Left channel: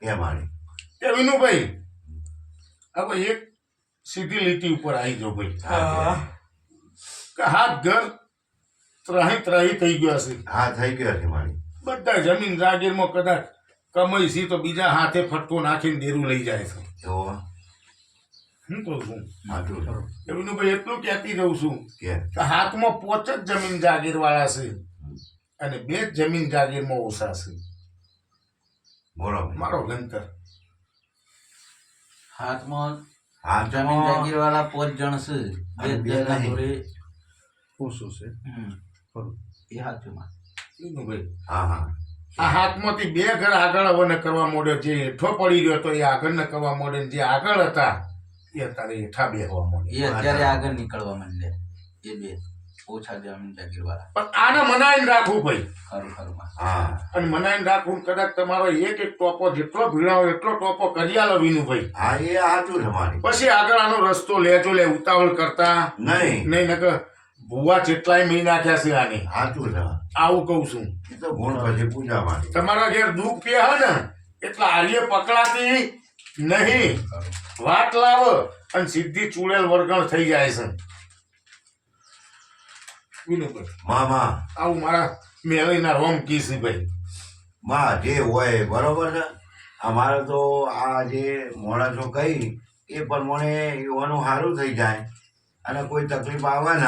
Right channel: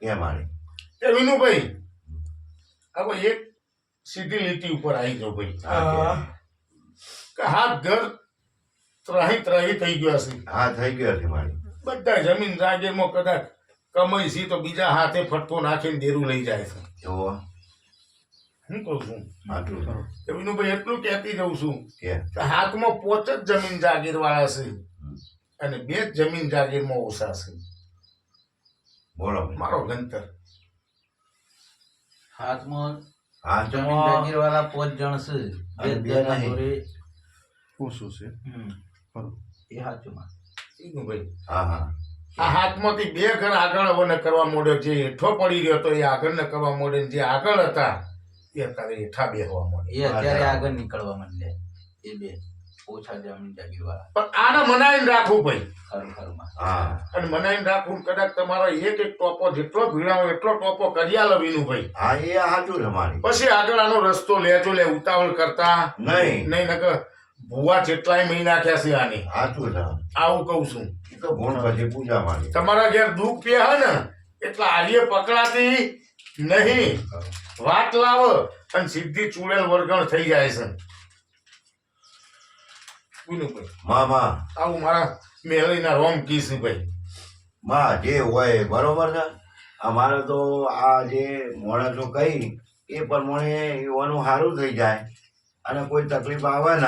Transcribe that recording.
એ મારી તે વિનુભાઈ હવે એક સીધી લીટી ઉપર આવી જાઓ ભાઈ કે હાથ ઘર ત્રાહી થઈ ગયા છે. હા થઈ ગયો છે મારી બધા જમીન જાગીરમાં કદાચ કમાઈ છે તો બીજા હાથે ફટકો નાખીને દેરું લઈ જાય છે. જો હું કહું છું આટલું કે વિનુભાઈ એટલું કહેતી જઉં છું કે કે હાથમાં 5 જ જમીન જાગીર વાળા છે અને 2 જ જમીન જાગીરમાં ઓછા છે. બોલો ભાઈ. મારો ગંતર હાથમાં હા જમીન જાગીર વાળા 5 જણ છે. અને બે બે નહીં. જોડે ઓછું છે ખરું. એ સાચું માં વિનુભાઈ હા હા આ હાથમાંથી 2 ઘર આગળ હવે કરવા માંડ્યો. જે હેઠો પડી રહ્યો તો એ આગળ ન કરવા માંડ્યો. જે આગળ હતા એ અત્યારે હેઠા બેહવા માંડ્યા. એ અત્યારે આગળ નીકળવા માંડ્યા. એ બે ઓછા જમીન જાગીર વાળા પણ આને મનાઈને રાખવું ભાઈ. ખરું ખરું માં હા અને મનાઈને રાખવું કદાચ તમારો એક ટોપો જેટલો ભીડાવો એટલો ટોપો કરી આલો વિનુભાઈ. હા એ સાચું છે મારી પછી આગળ આનો રસ્તો લેજો લે ઉતાવળ કરતા નહીં નહીં નકર ભૂવા જેટલાય મહી નાખ્યા છે આને. સાચું છે આવું કહું છું. એ તો ગુણ પછી પૂજા મારી તમારા ઘેર દુઃખ કે હે ને એટલે આર્ય પકડાતી નહીં. વાત લાવ અને સીધી ચૂડેલ વર્ગણ થઈ જાય છે. વિનુભાઈ માં આવું મારા મેલઈના રોમ કીસી ભાઈ. માં જે હોય બરોબર છે. અમારે તો આ જે માણસો કહી એ પ્રમાણે એવાનું સારું થઈ જાય અને કોઈ તકલીફ આવે ને